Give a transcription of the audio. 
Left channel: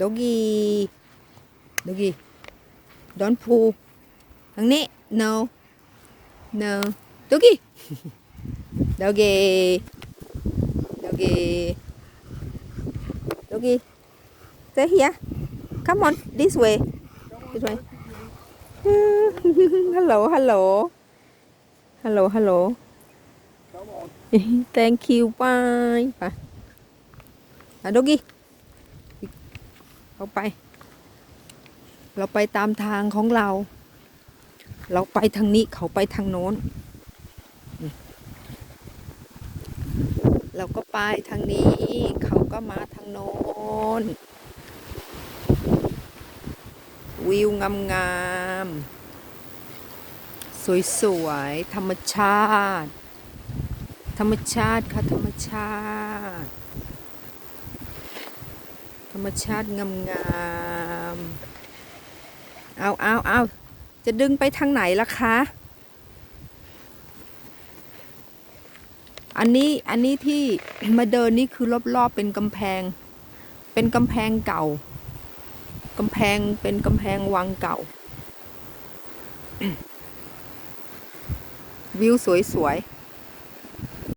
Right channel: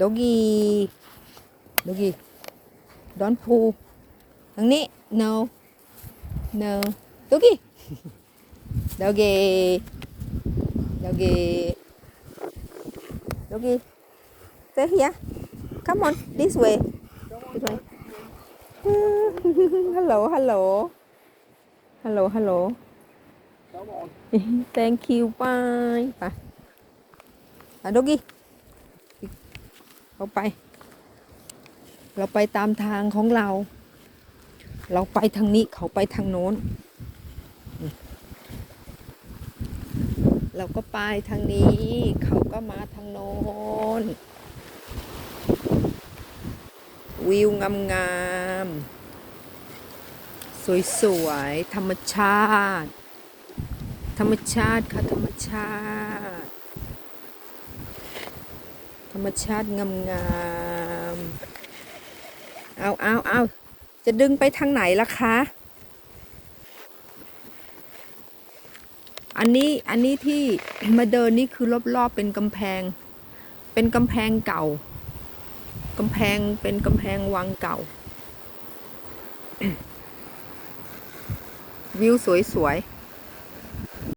여기 여기 런포 언니 no. No. 여기 여기 여기 여기 stay here. Come on this way. This way. Hello hello. Hello hello. Thank you. Bye. Bye. À, 여기 เราไป เราไปตามทางของเรา เราไปทางนี้เขาไปทางโน้น เราก็ไปทางนี้ เขาก็มาทางโน้น วิวงามงามๆสวยๆ ธรรมชาติ ธรรมชาติค่ะ ธรรมชาติ ธรรมชาติงามงามๆ เอาเอาเอาจะดึงไปทางไหนล่ะคะ อันนี้ อันนี้ที่มาเดินนี่คือรอบๆเป็นกำแพง เป็นกำแพงเก่ากำแพงเป็นกำแพงวังเก่า วิวสวยๆ